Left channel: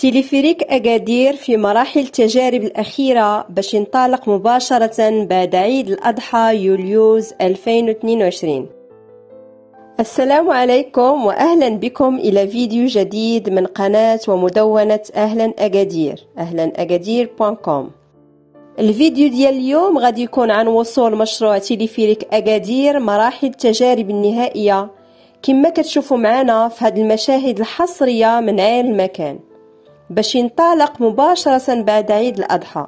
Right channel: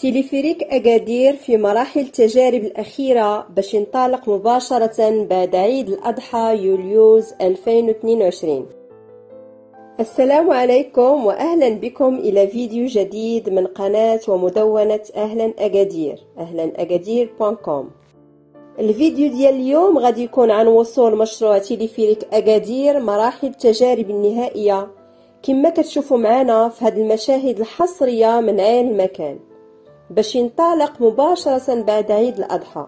تيليفريك أكادير في مراحل التجارب الأخيرة باش ينطلق مباشرة بعد عيد الأضحى يوليوز 2022. السلام عليكم وأهلا بكم إلى فيديو جديد من قناة ومدونة أهلا أكادير أهلاأكادير.com. الفيديو ديال اليوم غادي يكون عن وصول مشروع تيليفريك أكادير مراحل التجارب النهائية كما كتشوفوا معنا في هذه المشاهد الحصرية من عين المكان باش ينطلق مباشرة بعد عيد الأضحى.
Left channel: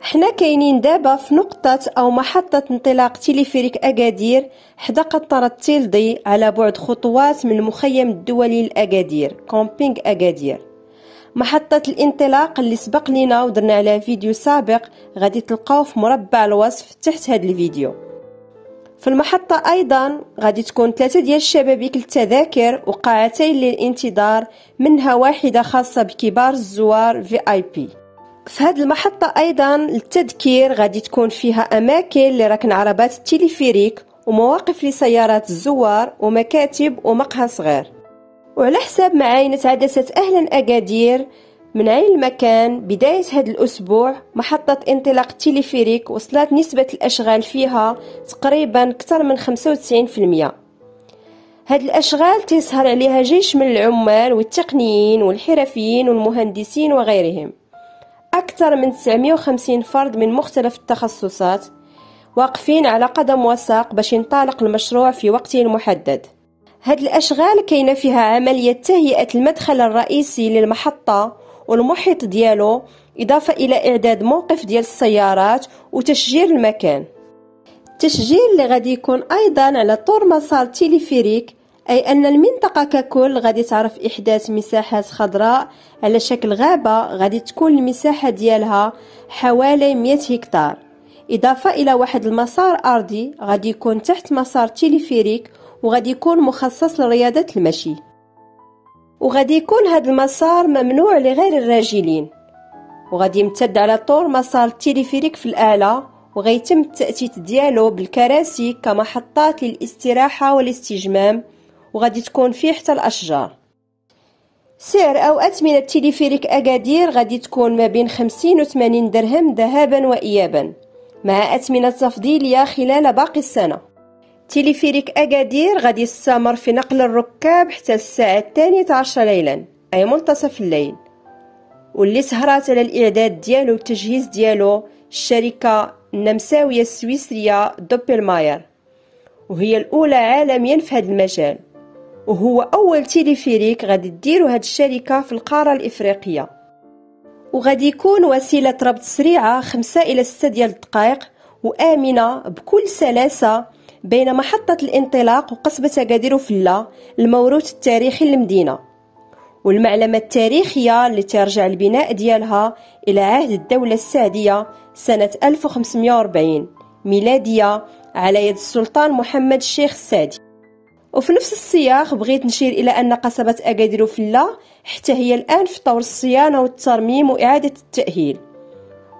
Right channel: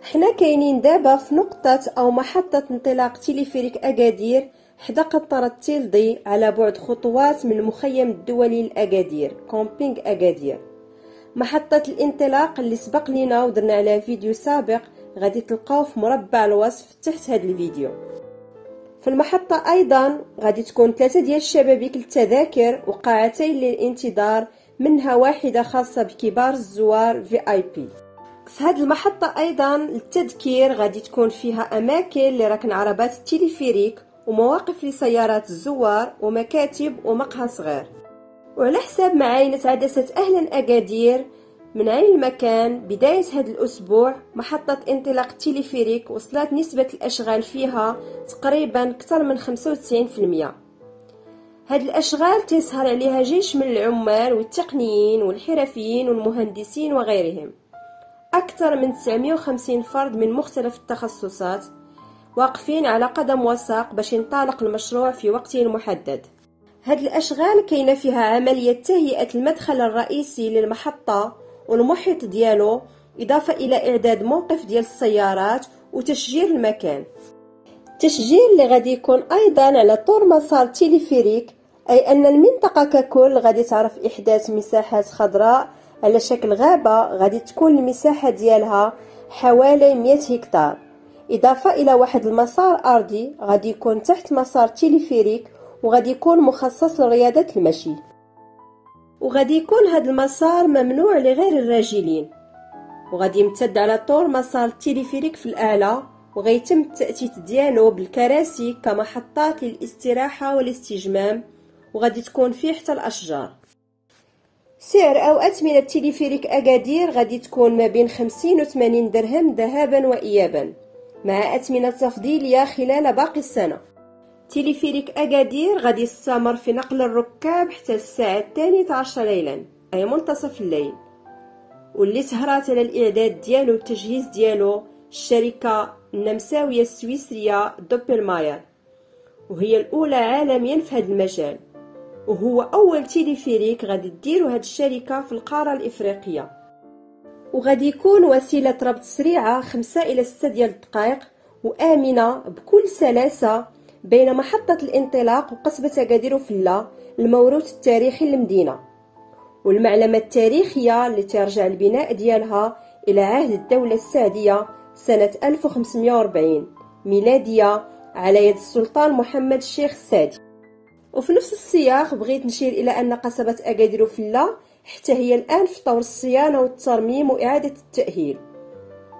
حنا كاينين دابا في نقطة أو محطة انطلاق تيليفريك أكادير حدا قنطرة تيلدي على بعد خطوات من المخيم الدولي لأكادير كومبينغ أكادير. محطة الانطلاق اللي سبق لنا ودرنا على فيديو سابق غادي تلقاوه في مربع الوصف تحت هذا الفيديو. في المحطة أيضا غادي تكون 3 ديال الشبابيك للتذاكر وقاعتين للانتظار، منها واحدة خاصة بكبار الزوار VIP. في هذه المحطة أيضا للتذكير غادي تكون فيها أماكن لركن عربات التيليفريك ومواقف لسيارات الزوار ومكاتب ومقهى صغير. وعلى حساب معاينة عدسة أهلا أكادير من عين المكان بداية هذا الأسبوع، محطة انطلاق التيليفريك وصلت نسبة الأشغال فيها تقريبا أكثر من 95%. هذه الأشغال تسهر عليها جيش من العمال والتقنيين والحرفيين والمهندسين وغيرهم، أكثر من 950 فرد من مختلف التخصصات واقفين على قدم وساق باش ينطلق المشروع في وقته المحدد. هاد الأشغال كاينة فيها عملية تهيئة المدخل الرئيسي للمحطة والمحيط ديالو، إضافة إلى إعداد موقف ديال السيارات وتشجير المكان. التشجير اللي غادي يكون أيضا على طول مسار تيليفريك، أي أن المنطقة ككل غادي تعرف إحداث مساحات خضراء على شكل غابة غادي تكون المساحة ديالها حوالي 100 هكتار، إضافة إلى واحد المسار أرضي غادي يكون تحت مسار تيليفريك وغادي يكون مخصص لرياضة المشي. وغادي يكون هذا المسار ممنوع لغير الراجلين، وغادي يمتد على طول مسار التيليفريك في الأعلى، وغيتم التأتيت ديالو بالكراسي كمحطات للاستراحة والاستجمام، وغادي تكون فيه حتى الأشجار. سعر أو أثمنة تيليفريك أكادير غادي تكون ما بين 50 و 80 درهم ذهابا وإيابا، مع أثمنة تفضيلية خلال باقي السنة. تيليفريك أكادير غادي يستمر في نقل الركاب حتى الساعة 12 ليلا، أي منتصف الليل، واللي سهرات على الإعداد ديالو والتجهيز ديالو الشركة النمساوية السويسرية دوبلماير، وهي الأولى عالميا في هذا المجال، وهو أول تيليفريك غادي تديرو هاد الشركة في القارة الإفريقية. وغادي يكون وسيلة ربط سريعة 5 إلى 6 ديال الدقائق وآمنة بكل سلاسة بين محطة الانطلاق وقصبة أكادير وفلة، الموروث التاريخي للمدينة والمعلمة التاريخية اللي ترجع البناء ديالها إلى عهد الدولة السعدية سنة 1540 ميلادية على يد السلطان محمد الشيخ السادي. وفي نفس السياق بغيت نشير إلى أن قصبة أكادير وفلة حتى هي الآن في طور الصيانة والترميم وإعادة التأهيل،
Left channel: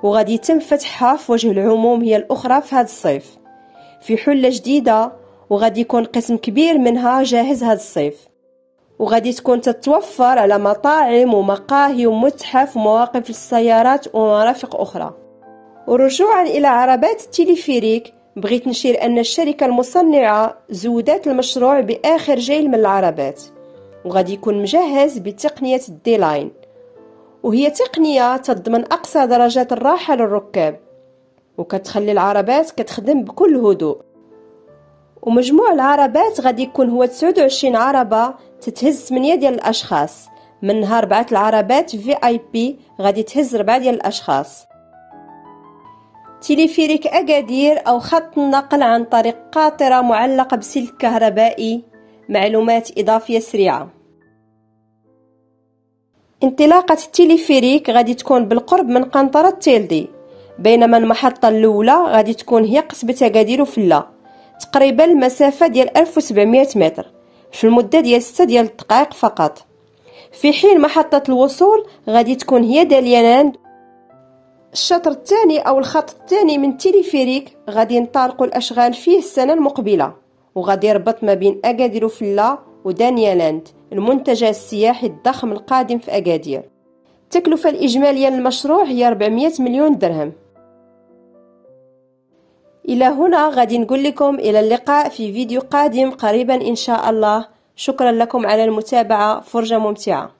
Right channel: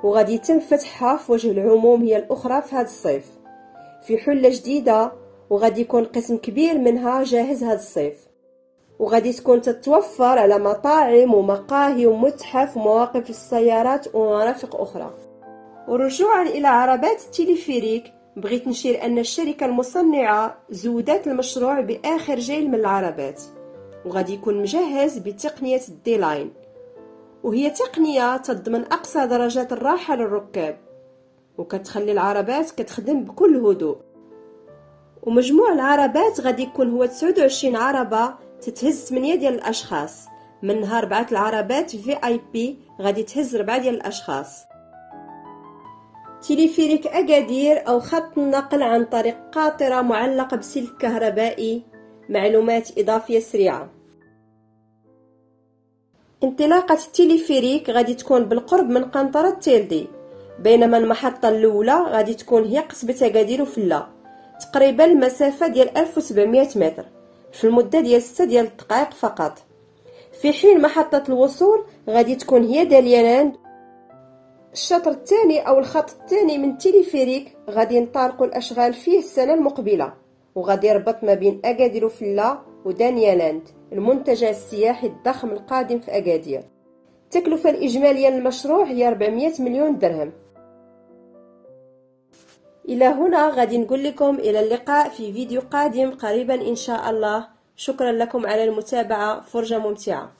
وغادي يتم فتحها في وجه العموم هي الأخرى في هذا الصيف في حلة جديدة، وغادي يكون قسم كبير منها جاهز هذا الصيف، وغادي تكون تتوفر على مطاعم ومقاهي ومتحف ومواقف للسيارات ومرافق أخرى. ورجوعا إلى عربات التيليفريك بغيت نشير أن الشركة المصنعة زودت المشروع بآخر جيل من العربات، وغادي يكون مجهز بتقنية الديلاين، وهي تقنية تضمن أقصى درجات الراحة للركاب وكتخلي العربات كتخدم بكل هدوء. ومجموع العربات غادي يكون هو 29 عربة تتهز 8 ديال الأشخاص، منها 4 العربات VIP غادي تهز 4 ديال الأشخاص. تيليفريك أكادير أو خط النقل عن طريق قاطرة معلقة بسلك كهربائي. معلومات إضافية سريعة: انطلاقة التيليفريك غادي تكون بالقرب من قنطرة تيلدي، بينما المحطة الأولى غادي تكون هي قصبة أكادير وفلة، تقريبا المسافة ديال 1700 متر في المدة ديال 6 ديال الدقائق فقط، في حين محطة الوصول غادي تكون هي دالياناند. الشطر الثاني أو الخط الثاني من تيليفريك غادي ينطلقوا الأشغال فيه السنة المقبلة، وغادي يربط ما بين أكادير وفلة ودانيالاند المنتجع السياحي الضخم القادم في أكادير. التكلفة الإجمالية للمشروع هي 400 مليون درهم. إلى هنا غادي نقول لكم إلى اللقاء في فيديو قادم قريبا إن شاء الله. شكرا لكم على المتابعة، فرجة ممتعة.